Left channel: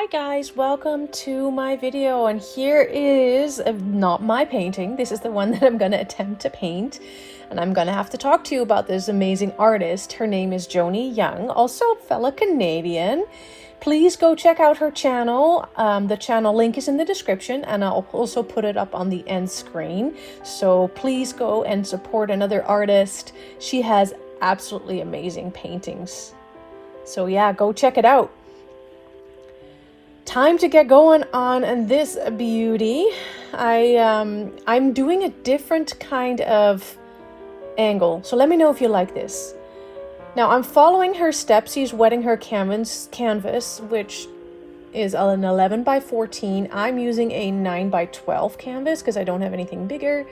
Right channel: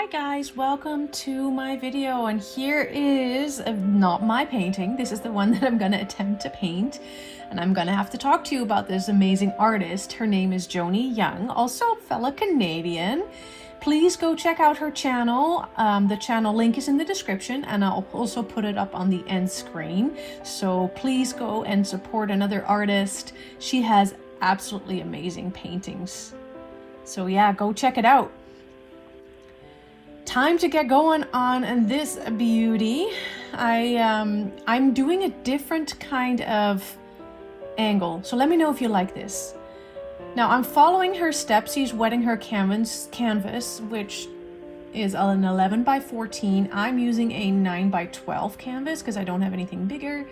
Hi guys, welcome to my video, and here is not my painting. This is the one that I'm going to attempt to paint, and I'm going to have to talk to you about this amazing artist. Her name is Joni Young, also a fellow Canadian. Please go check out her channel. The channel link is in the description, and I'll also put it up on the end screen. So please go and support another artist. She has absolutely amazing paintings. So yeah, go check it out. Time to get going on this beauty. I'm doing a different kind of angle, so let me know if you like this. Now I'm following her steps. She's wetting her canvas, which is an 11 by 14. I'm using a 9 by 12 canvas because I don't have anything bigger,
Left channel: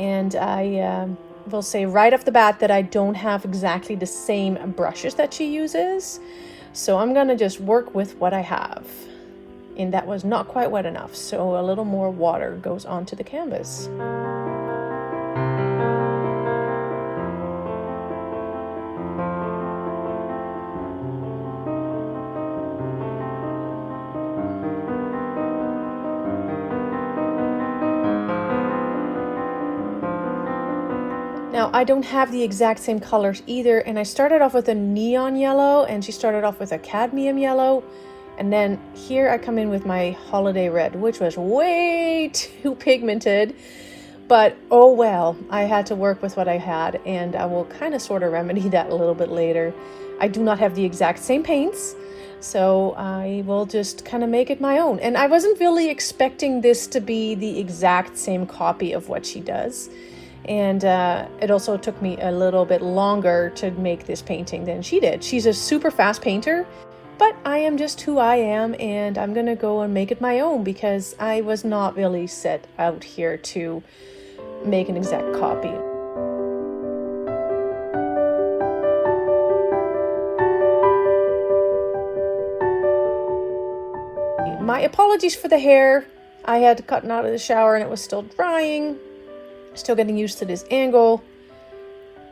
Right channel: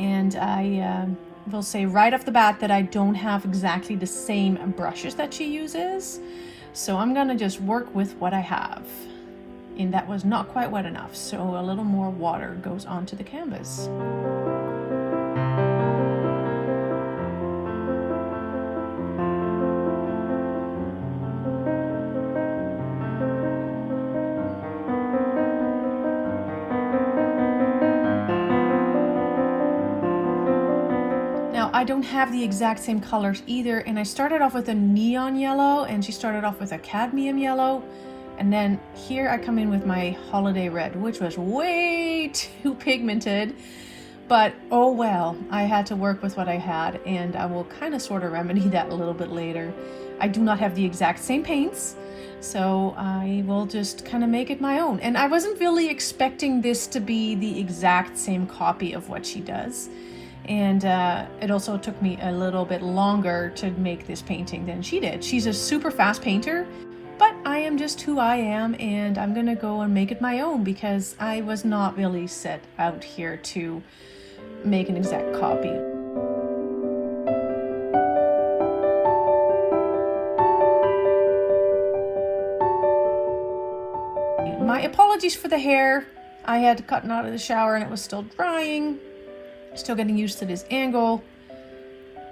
and I will say right off the bat that I don't have exactly the same brushes that she uses. So I'm gonna just work with what I have. And that was not quite wet enough, so a little more water goes onto the canvas. Now, I don't have the exact same colors either, and I started off with a neon yellow, and she started off with a cadmium yellow, and then here I come in with my holiday red, which was way too pigmented, but oh well, I had to work with what I had, and I will kind of sort of remedy that a little bit later. I do not have the exact same paints, so I will just kind of make it my own. And I wasn't really expecting this to be the exact same copy of what she does. And it also took me a little bit longer to make this painting than she did. She's a super fast painter, but I am just who I am, and I'm gonna go and make it my own because I was not really set out here to make an exact copy. My apologies for the hair. I had gotten out of the shower and it was still drying. Still getting used to this angle,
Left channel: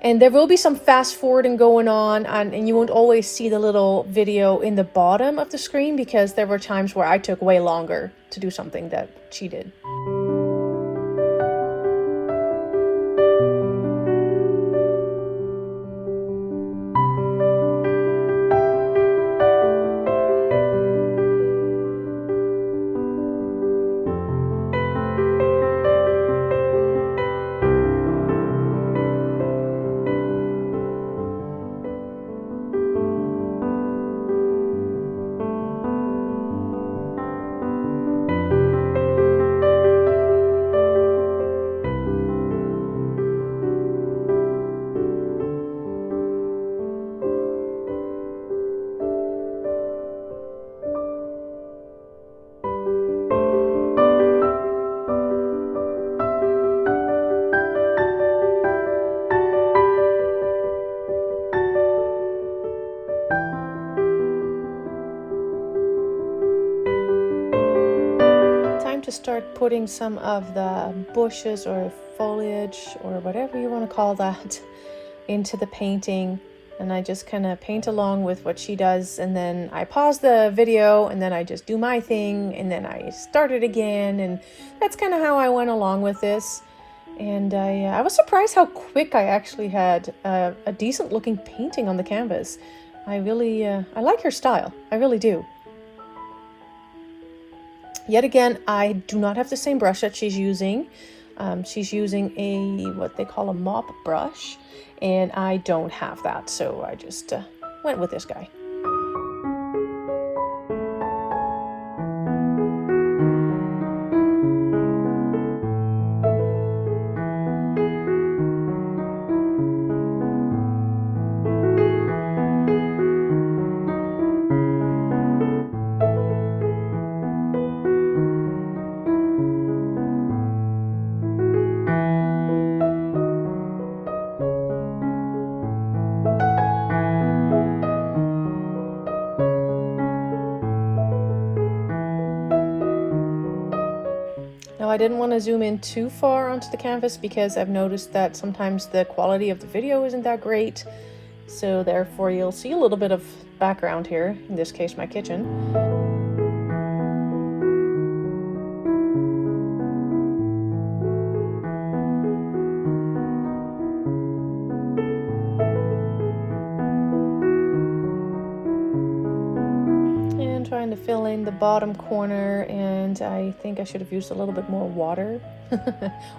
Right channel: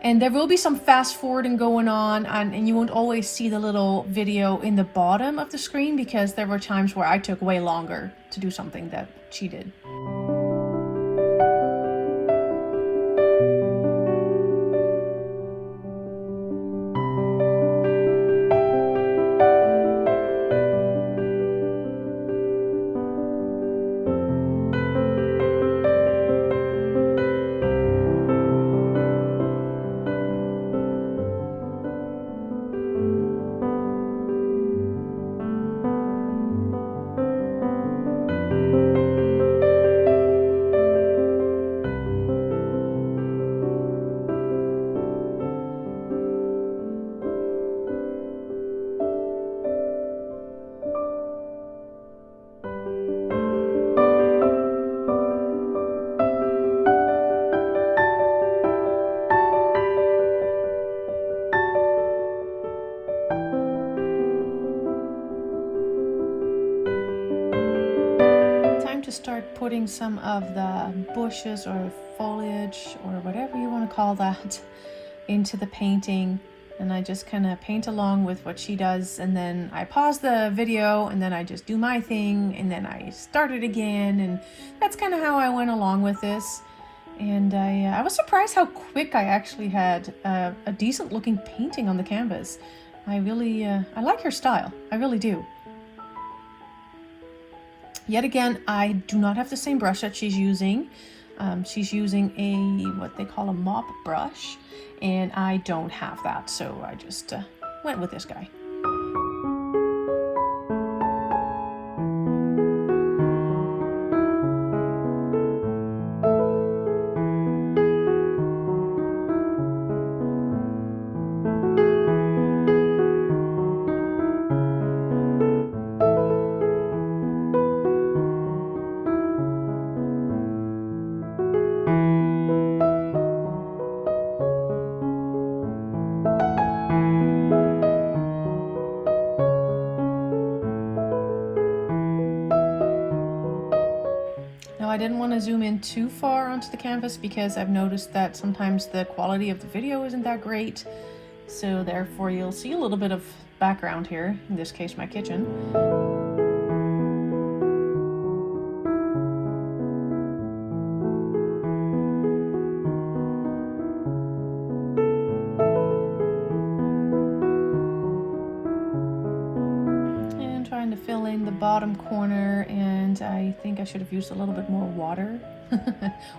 and there will be some fast forwarding going on, and you won't always see the little video in the bottom of the screen because there were times where I took way longer to do something that she did. To start putting some of the bushes or foliage or whatever you want to call that into the painting, and I just kind of paint along with what she does, and then I pause the video and then I just do my thing and then I start it again, and that's kind of how I went along with this. And I was surprised how quick I actually had a decent looking painting on the canvas. I really I like her style, I really do. Yet again, I do not have the same brush that she's using. She's using what they call a mop brush, and I don't have that, so I just went with this guy. I didn't want to zoom in too far onto the canvas because I've noticed that sometimes the quality of the video isn't that great. So therefore you'll see a little bit of background here, in this case my kitchen. again, trying to fill in the bottom corner, and I think I should have used a little bit more water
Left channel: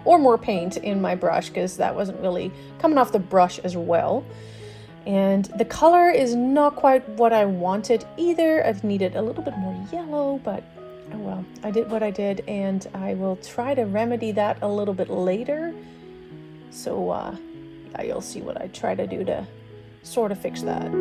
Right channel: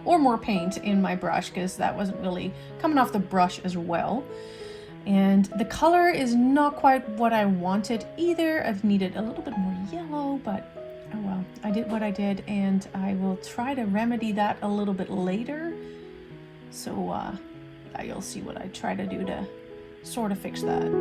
or more paint in my brush, because that wasn't really coming off the brush as well. And the color is not quite what I wanted either. I needed a little bit more yellow, but oh well, I did what I did, and I will try to remedy that a little bit later. So yeah, you'll see what I try to do to sort of fix that.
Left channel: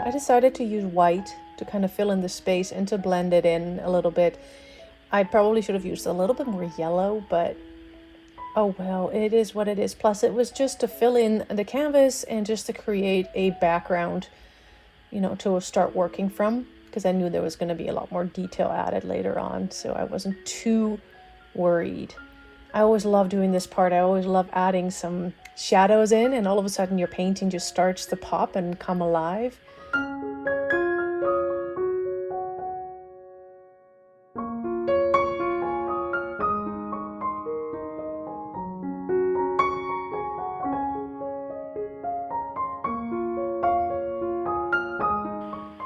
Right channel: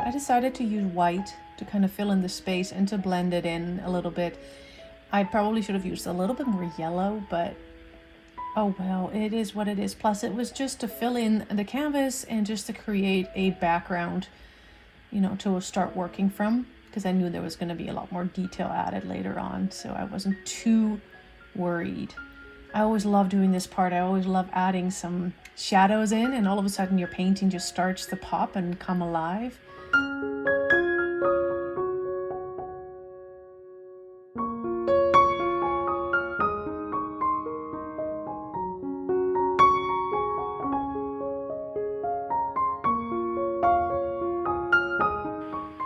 I decided to use white to kind of fill in the space and to blend it in a little bit. I probably should have used a little bit more yellow, but oh well, it is what it is. Plus it was just to fill in the canvas and just to create a background, you know, to start working from, because I knew there was going to be a lot more detail added later on, so I wasn't too worried. I always love doing this part. I always love adding some shadows in, and all of a sudden your painting just starts to pop and come alive.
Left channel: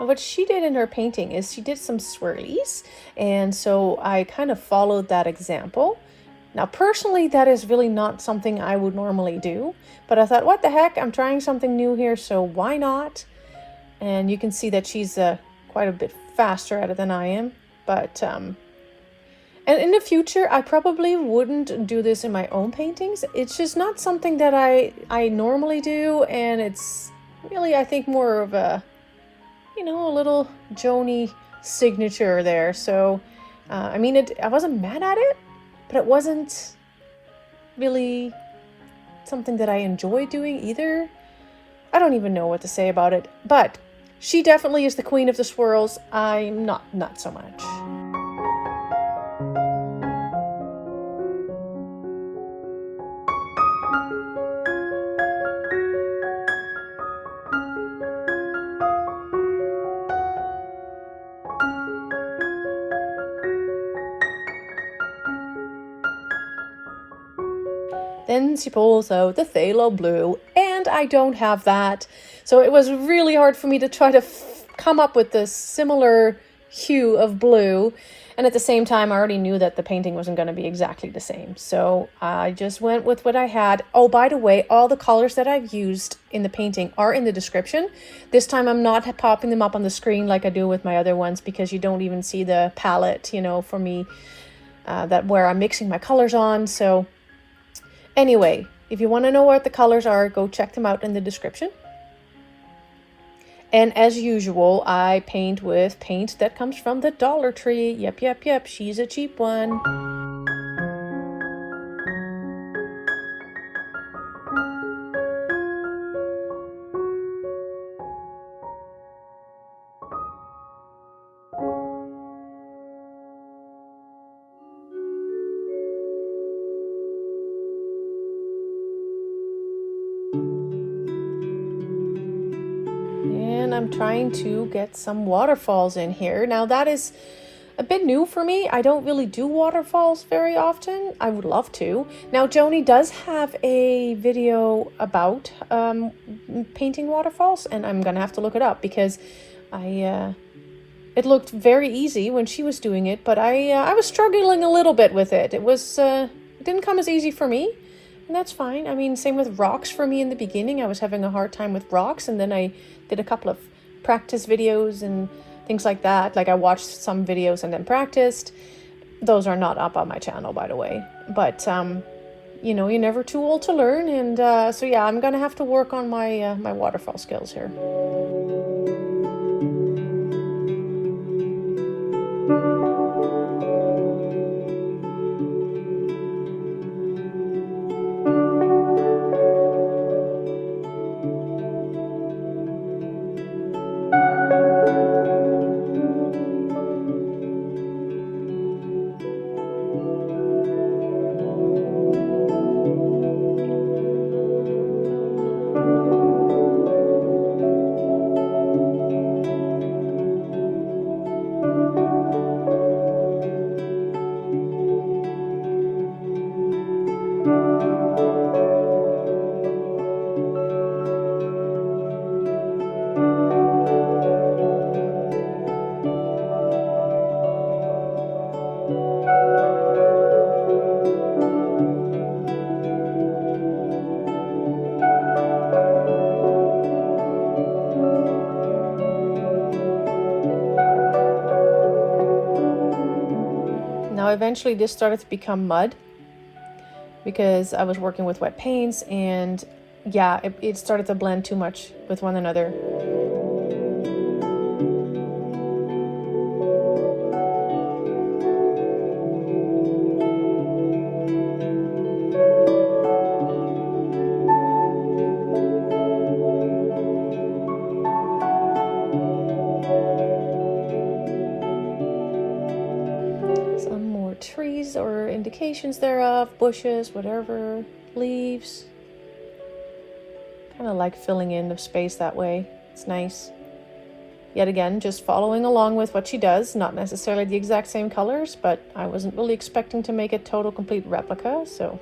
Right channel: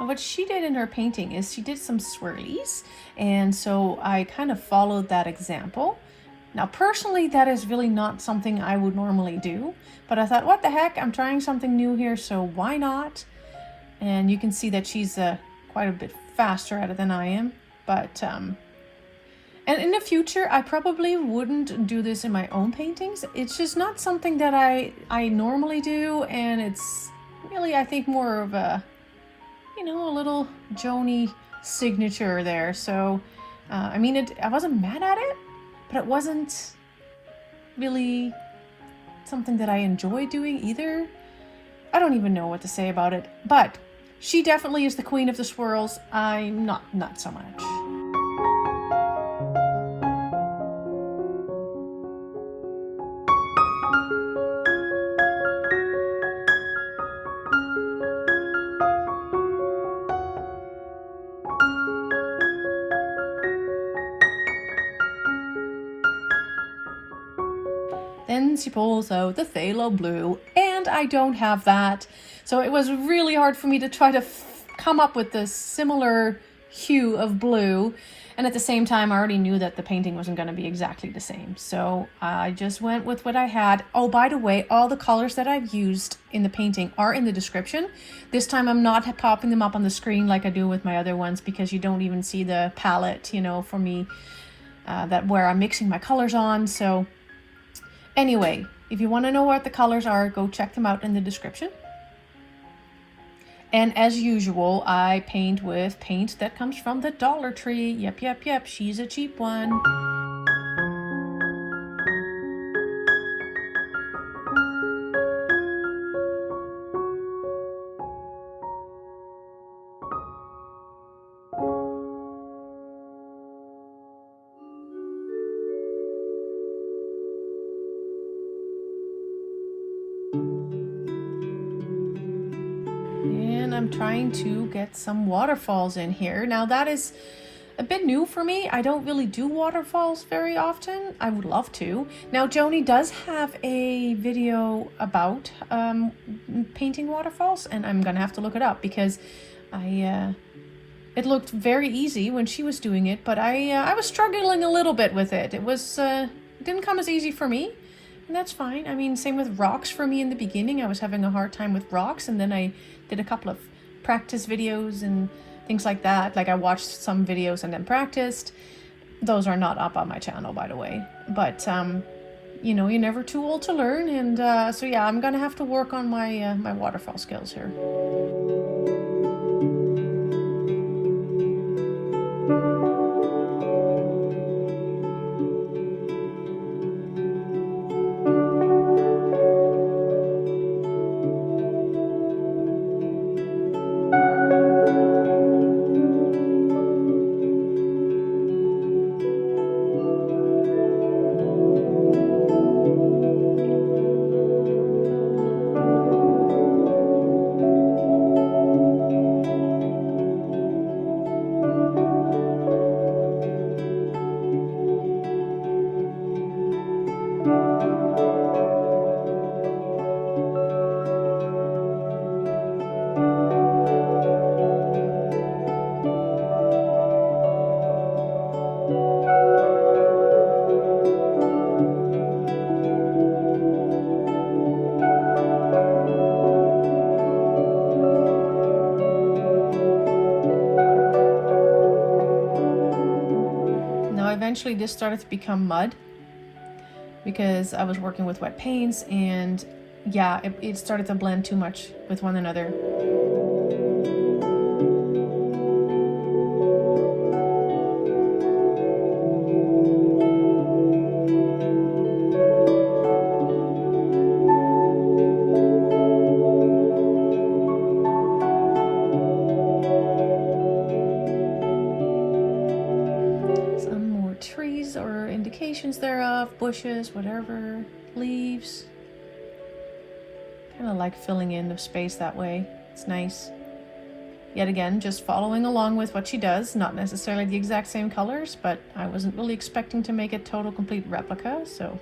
What she did in her painting is she did some swirlies, and so I kind of followed that example. Now personally, that is really not something I would normally do, but I thought, what the heck, I'm trying something new here, so why not? And you can see that she's quite a bit faster at it than I am, but and in the future I probably wouldn't do this in my own paintings. It's just not something that I normally do, and it's really, I think, more of a, you know, a little Joni signature there. So I mean, I wasn't mad at it, but it wasn't really something that I enjoy doing either. I don't even know what to say about it, but she definitely is the queen of the swirls. I'm not so much. Then she pulls out the Cobalt Blue, and I don't have that. So it was really hard for me to try to come up with the similar hue of blue. And at the same time, I already knew that the painting wasn't going to be exactly the same. So I just went with what I had. Oh, by the way, all the colors that I've used in the painting are in the description. This time I'm not popping them up on the screen like I do with my other ones, because you don't even see the palette, you know, for me, that where I'm mixing my colors on. So anyway, if you want to know what the colors are, go check them out in the description. And as usual, I paint with paint that comes from the Dollar Tree. Yep, she's a cheap one. And I'm trying to get some waterfalls in here. Now that is a bit new for me. I don't really do waterfalls very often. I would love to. Now Joni does have a video about painting waterfalls, and I'm gonna have to look it up, because it looked very easy when she was doing it, but I was struggling a little bit with it. It didn't come as easy for me. And that's fine. I mean, same with rocks for me in the beginning. I was having a hard time with rocks, and then I did a couple of practice videos and things like that. Like I watched some videos and then practiced. Those are not up on my channel, by the way. But, you know, you're never too old to learn. And so yeah, I'm going to have to work on my, my waterfall skills here. eventually this started to become mud because I was working with wet paints, and yeah, it started to blend too much with one another. Trees or indications thereof, bushes, whatever, leaves. Kind of like filling in the space that way. It's nice. Yet again, just following along with what she does, not necessarily the exact same colors, but I wasn't really expecting to make a total complete replica, so.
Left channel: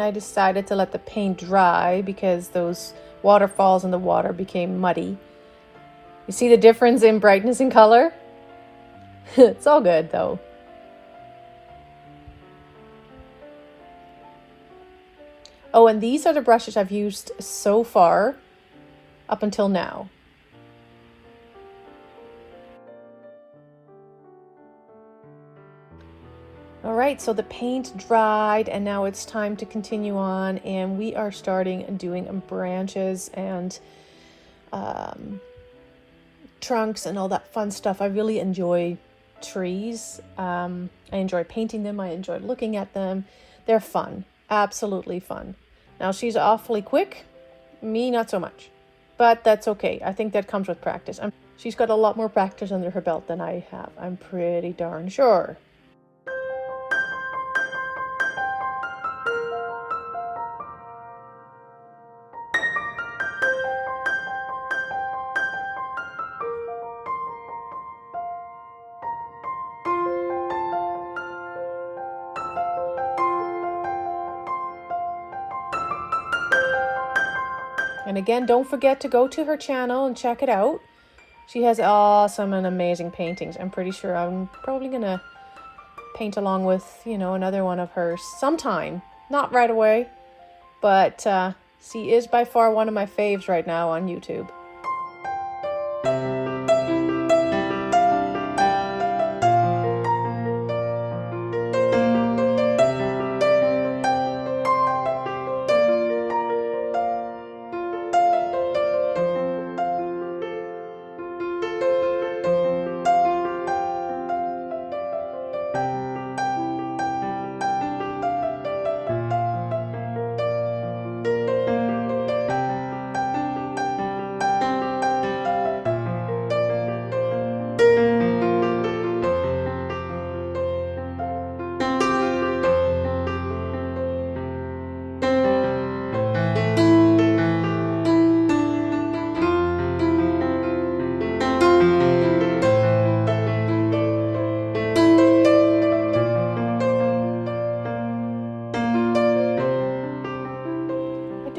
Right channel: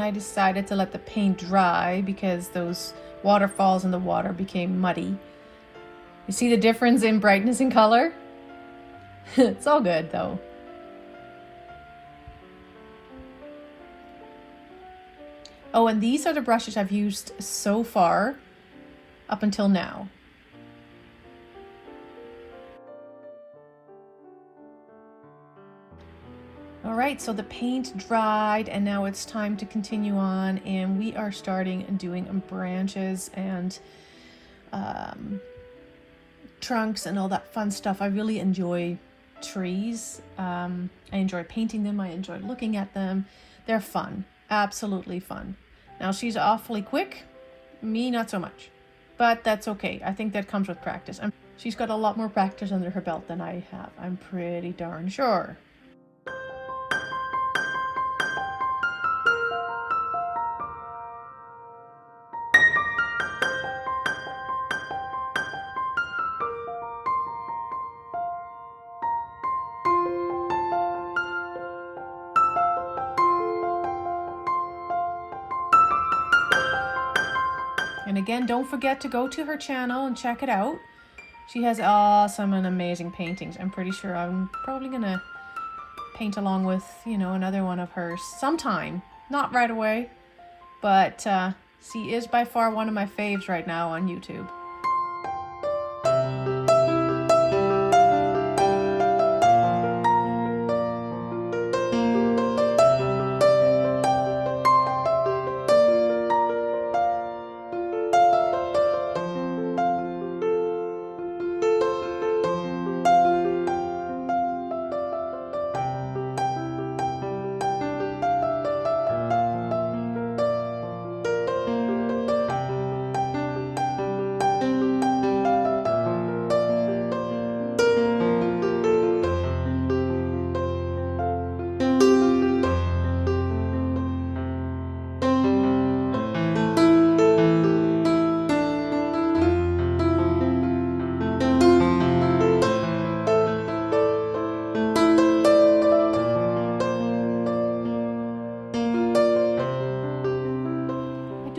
I decided to let the paint dry because those waterfalls in the water became muddy. You see the difference in brightness and color? It's all good though. Oh, and these are the brushes I've used so far up until now. All right, so the paint dried and now it's time to continue on, and we are starting doing branches and trunks and all that fun stuff. I really enjoy trees. I enjoy painting them. I enjoy looking at them. They're fun, absolutely fun. Now she's awfully quick, me not so much, but that's okay. I think that comes with practice. She's got a lot more practice under her belt than I have, I'm pretty darn sure. And again, don't forget to go to her channel and check it out. She has awesome and amazing paintings. I'm pretty sure I'm probably gonna paint along with, you know, another one of hers sometime. Not right away, but She is by far one of my faves right now on YouTube.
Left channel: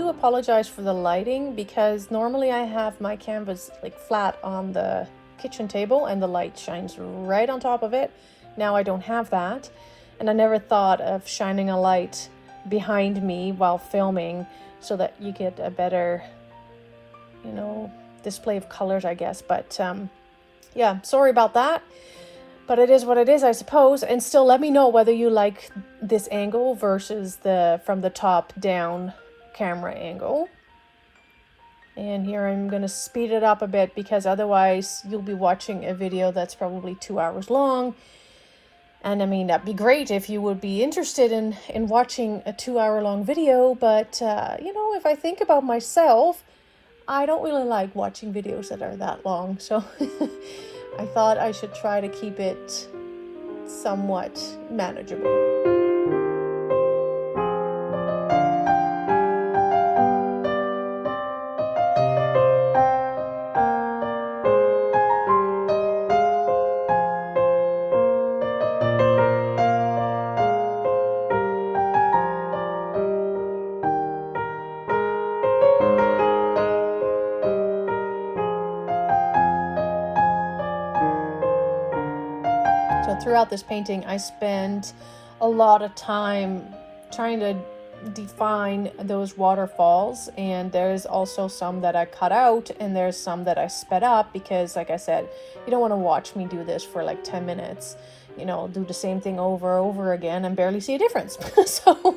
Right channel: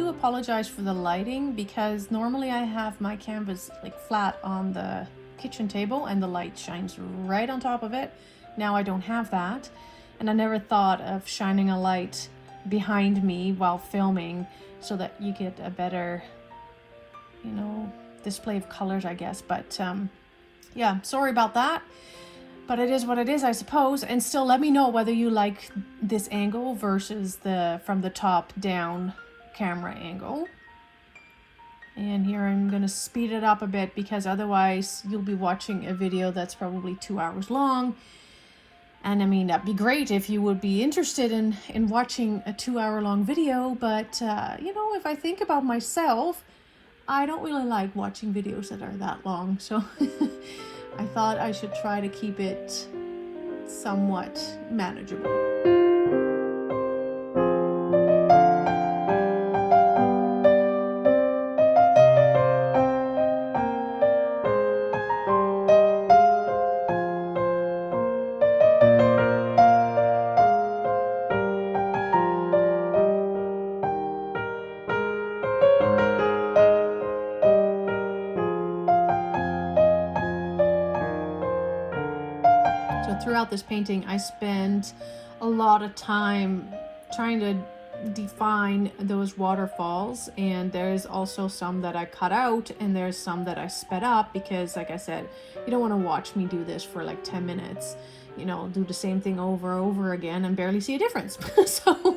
Apologize for the lighting, because normally I have my canvas like flat on the kitchen table and the light shines right on top of it. Now I don't have that, and I never thought of shining a light behind me while filming so that you get a better, you know, display of colors, I guess. But yeah, sorry about that, but it is what it is, I suppose. And still, let me know whether you like this angle versus the from the top down camera angle. And here I'm going to speed it up a bit, because otherwise you'll be watching a video that's probably 2 hours long. And I mean, that'd be great if you would be interested in watching a 2-hour long video, but you know, if I think about myself, I don't really like watching videos that are that long. So I thought I should try to keep it somewhat manageable. Throughout this painting, I spent a lot of time trying to define those waterfalls, and there's also some that I cut out, and there's some that I sped up, because like I said, you don't want to watch me do this for like 10 minutes, you know, do the same thing over and over again and barely see a difference. So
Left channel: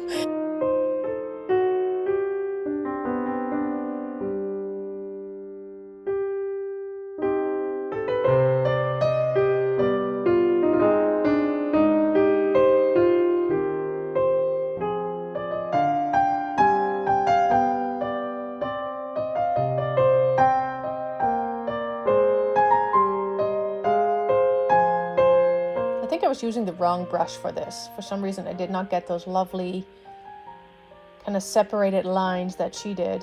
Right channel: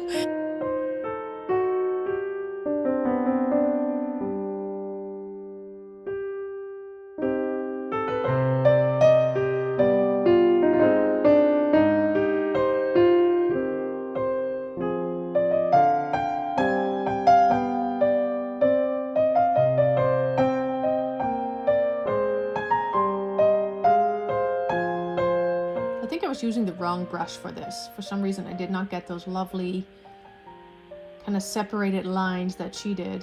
I was using the wrong brush for this. For some reason, I did not get those lovely kind of separated lines that she did.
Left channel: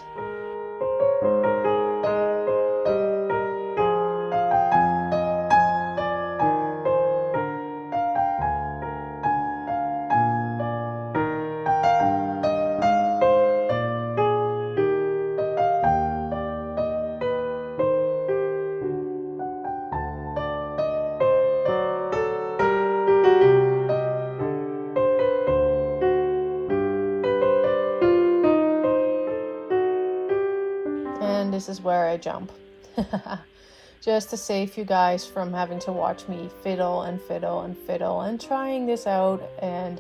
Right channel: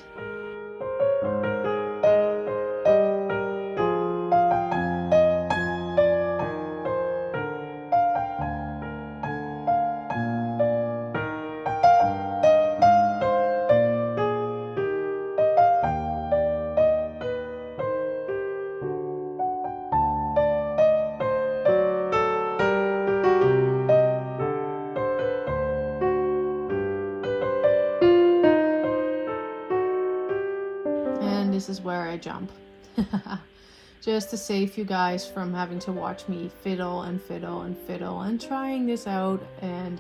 This is where I jump. Just to save you guys from having to watch me fiddle and fiddle and fiddle and trying this out. And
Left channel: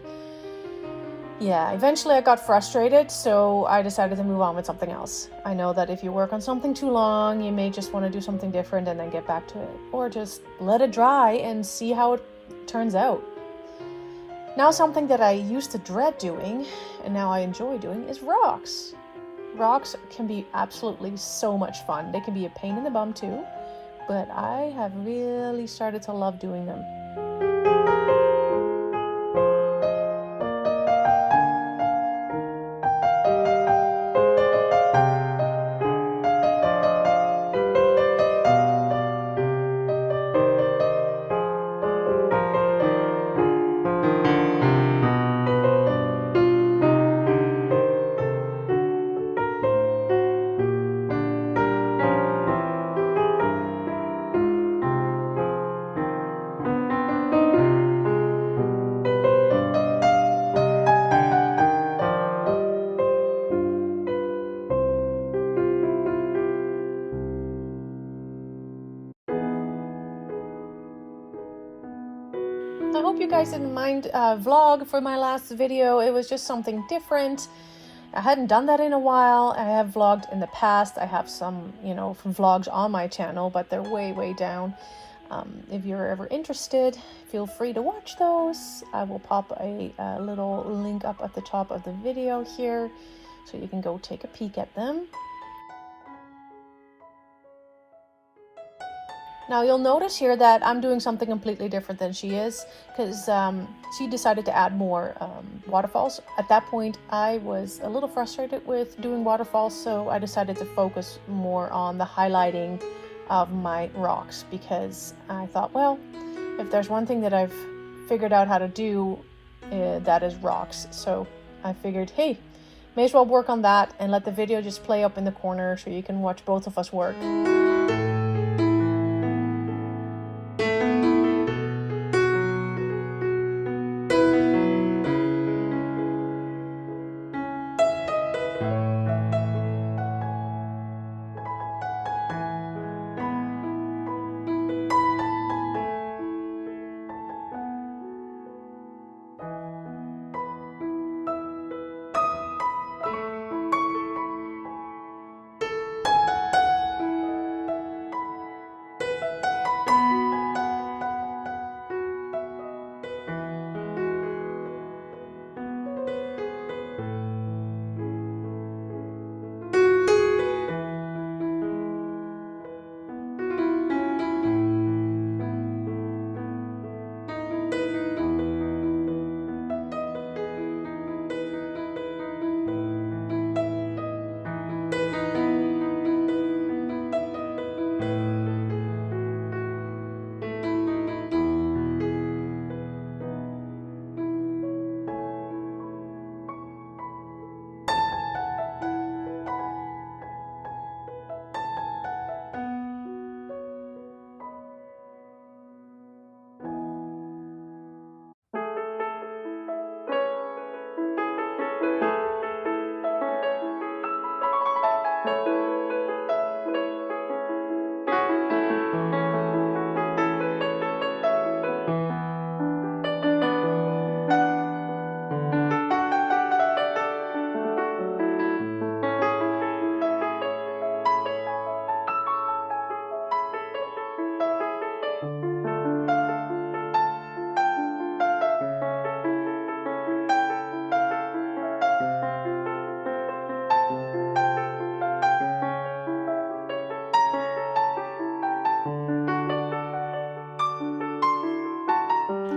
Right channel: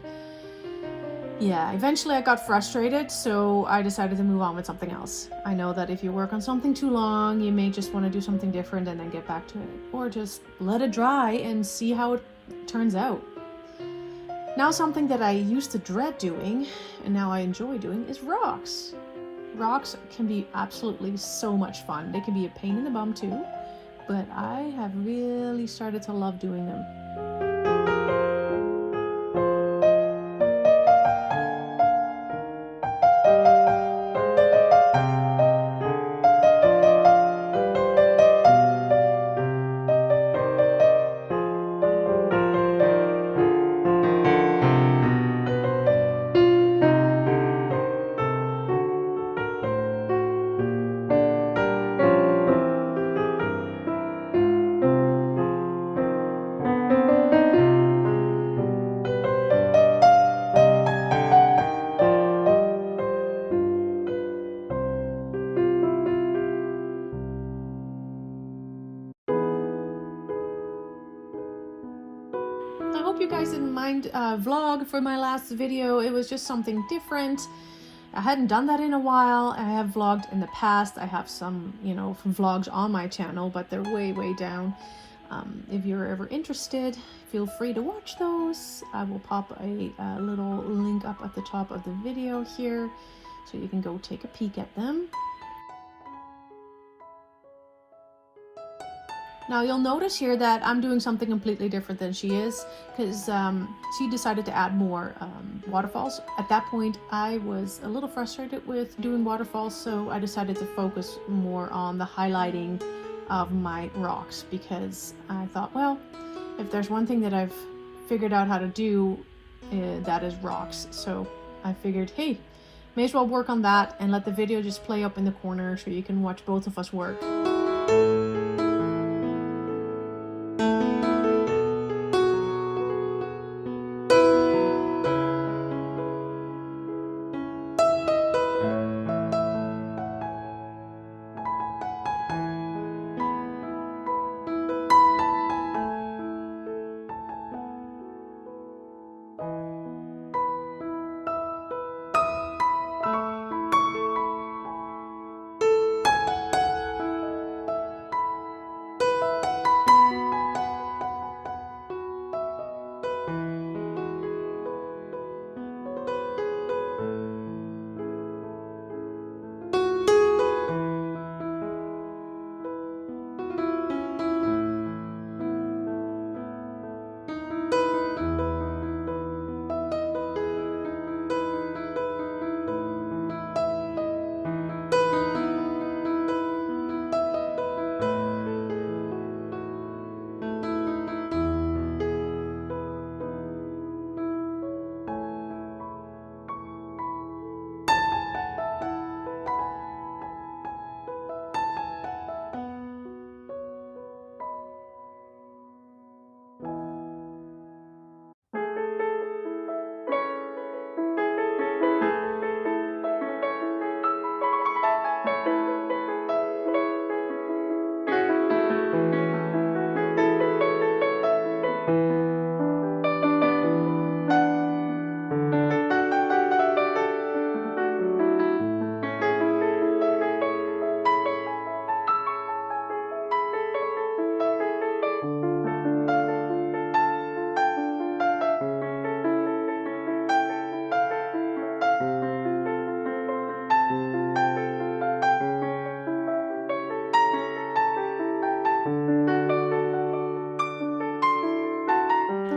yeah, eventually I got frustrated, so I decided to move on with something else. I know that if you work on something too long, you may just want to do something different and then get back to it, or just let it dry and see how it turns out. Now, something that I used to dread doing and now I enjoy doing is rocks. Rocks can be absolutely so much fun. They can be a pain in the bum too, but I have really started to love doing them. hope you guys didn't mind vlog for my last video. It was just something different. I hadn't done that in a while. I have vlogged in the past. I have some, you know, vlogs on my channel, but they're way down. If you're ever interested, feel free to watch those. I will pop a little link up at the top of the video here, so you can go take a peek at them. Now you'll notice here that I'm doing something completely different than she is, because she decided to add more waterfalls. At that point, I was a little frustrated with doing waterfalls, so I decided to focus more on the highlighting of my rocks, because I thought, well, if there's one thing that I've figured out how to do, that is rocks. So I figured, hey, may as well work on that and let the video just play up in the corner so you can watch both of us work.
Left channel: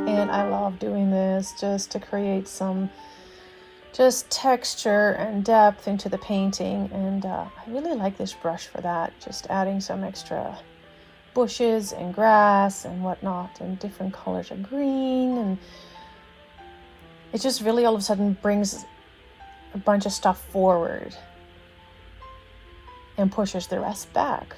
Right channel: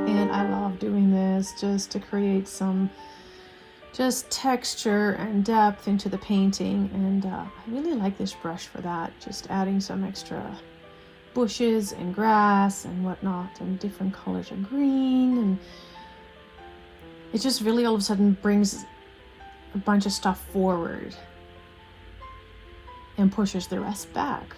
And I love doing this just to create some just texture and depth into the painting. And I really like this brush for that, just adding some extra bushes and grass and whatnot and different colors of green, and it just really all of a sudden brings a bunch of stuff forward and pushes the rest back.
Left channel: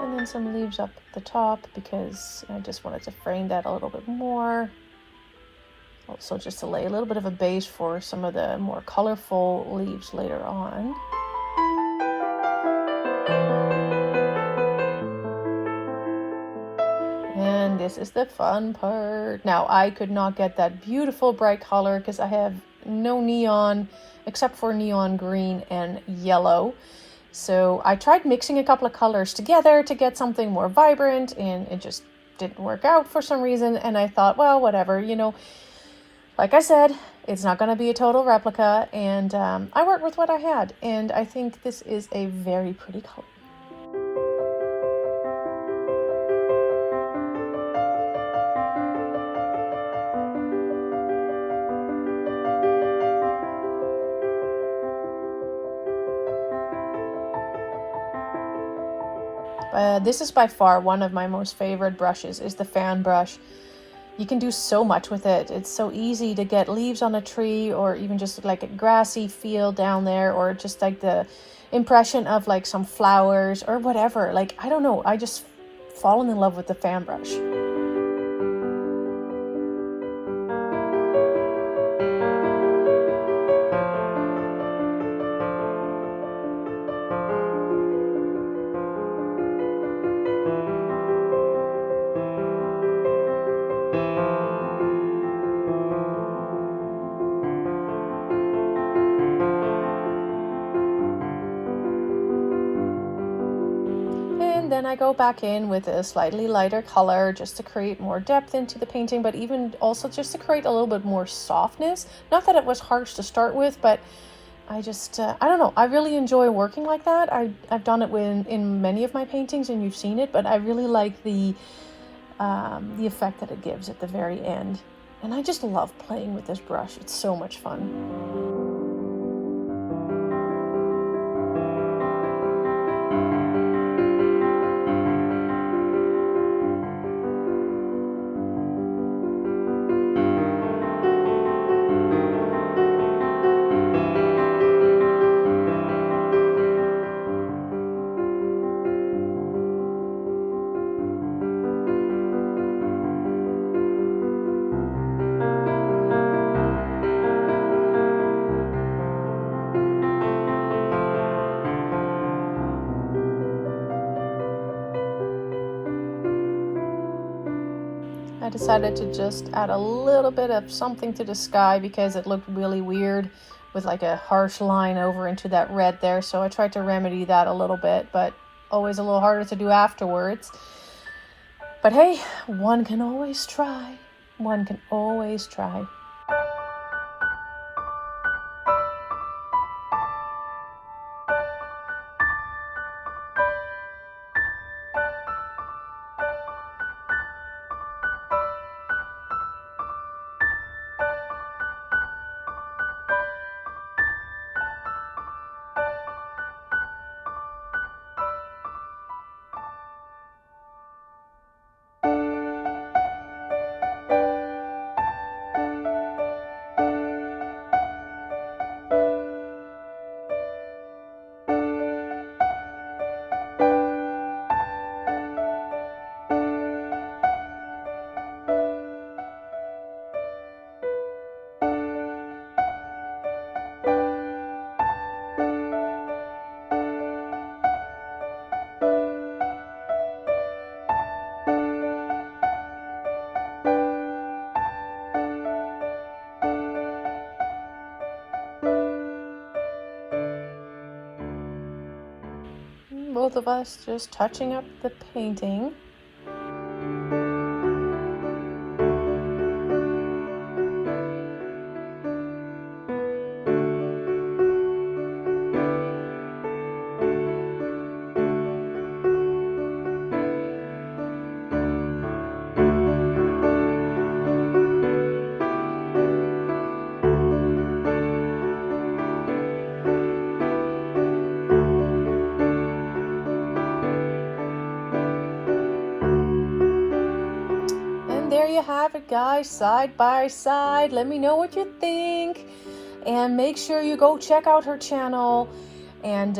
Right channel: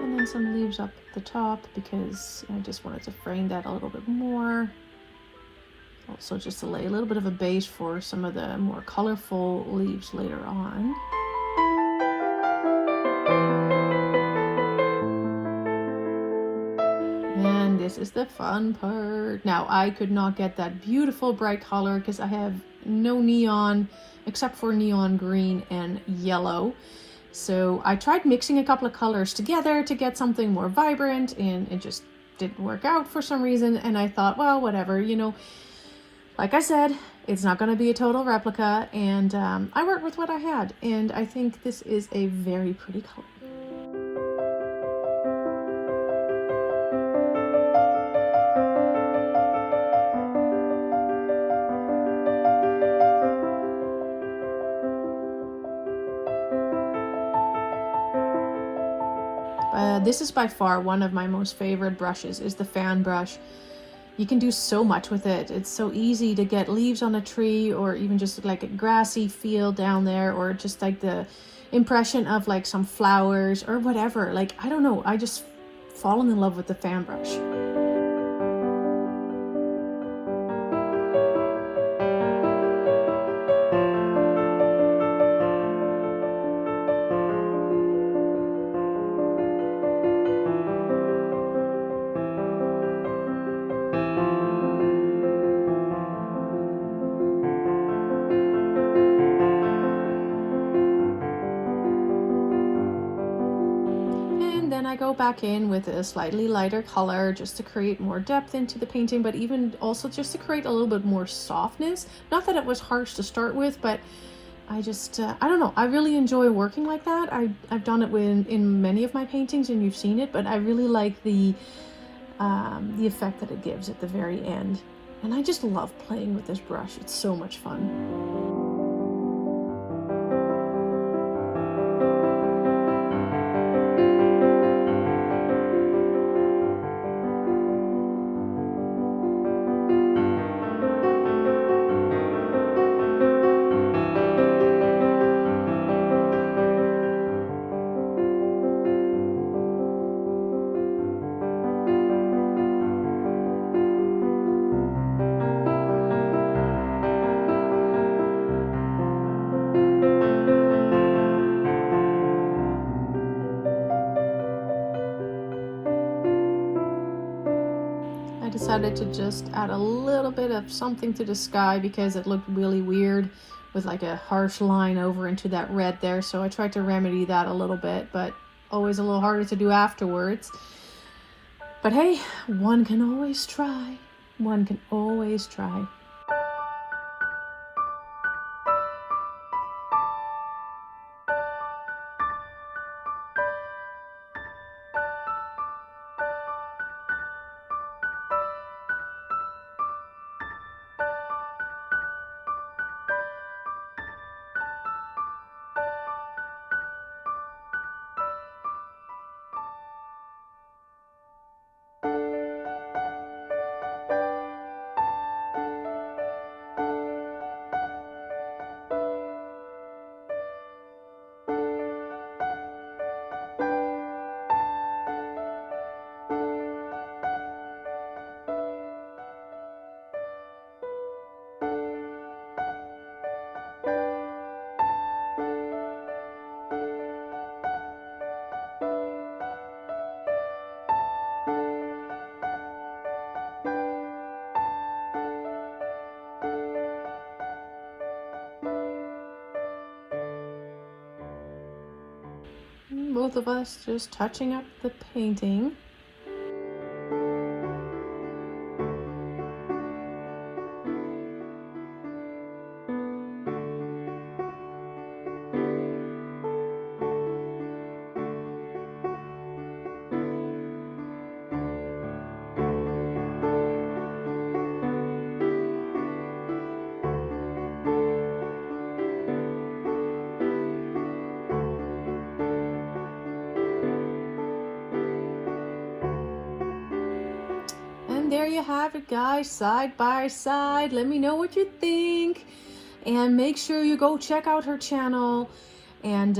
And then some leaves up at the top because I just wanted to frame that a little bit more. Also just to lay a little bit of a base for some of the more colorful leaves later on. And this is the fun part. Now I could not get that beautiful bright color because I have no neon except for neon green and yellow. So I tried mixing a couple of colors together to get something more vibrant, and it just didn't work out for some reason. And I thought, well, whatever, you know, like I said, it's not going to be a total replica. And I worked with what I had, and I think this is a very pretty color. This is by far one of my most favorite brushes, is the fan brush. you can do so much with it. It's so easy to get leaves on a tree, or even just like a grassy field down there, or just like the impression of like some flowers or whatever. Like, I don't know, I just fallen in love with the fan brush. Then I go back in with a slightly lighter color just to create more depth into the painting, but even also just to create a little bit more softness. Not that it was harsh to start with, but I just, I don't know, I really enjoy working like that. I've done it in many of my paintings, and you've seen it, but I really like the effect that it gives at the very end. And I just love playing with this brush. It's so much fun. I decided to just add a little bit of something to the sky because it looked really weird with like a harsh line over into that red there. So I tried to remedy that a little bit, but always a little harder to do afterwards. But hey, one can always try. One can always try. Both of us just touching up the painting. There you have it, guys, side by side. Let me know what you think, and make sure you go check out her channel, and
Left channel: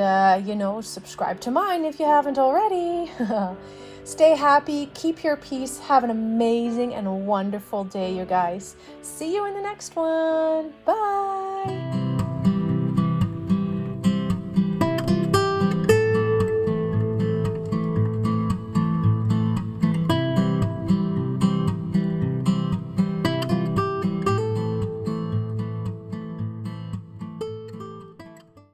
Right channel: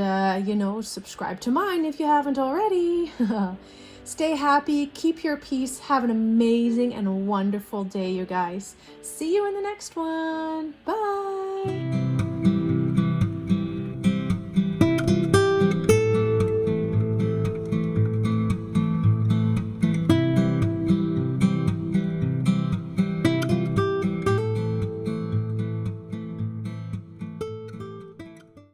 you know, subscribe to mine if you haven't already. Stay happy, keep your peace, have an amazing and wonderful day, you guys. See you in the next one. Bye.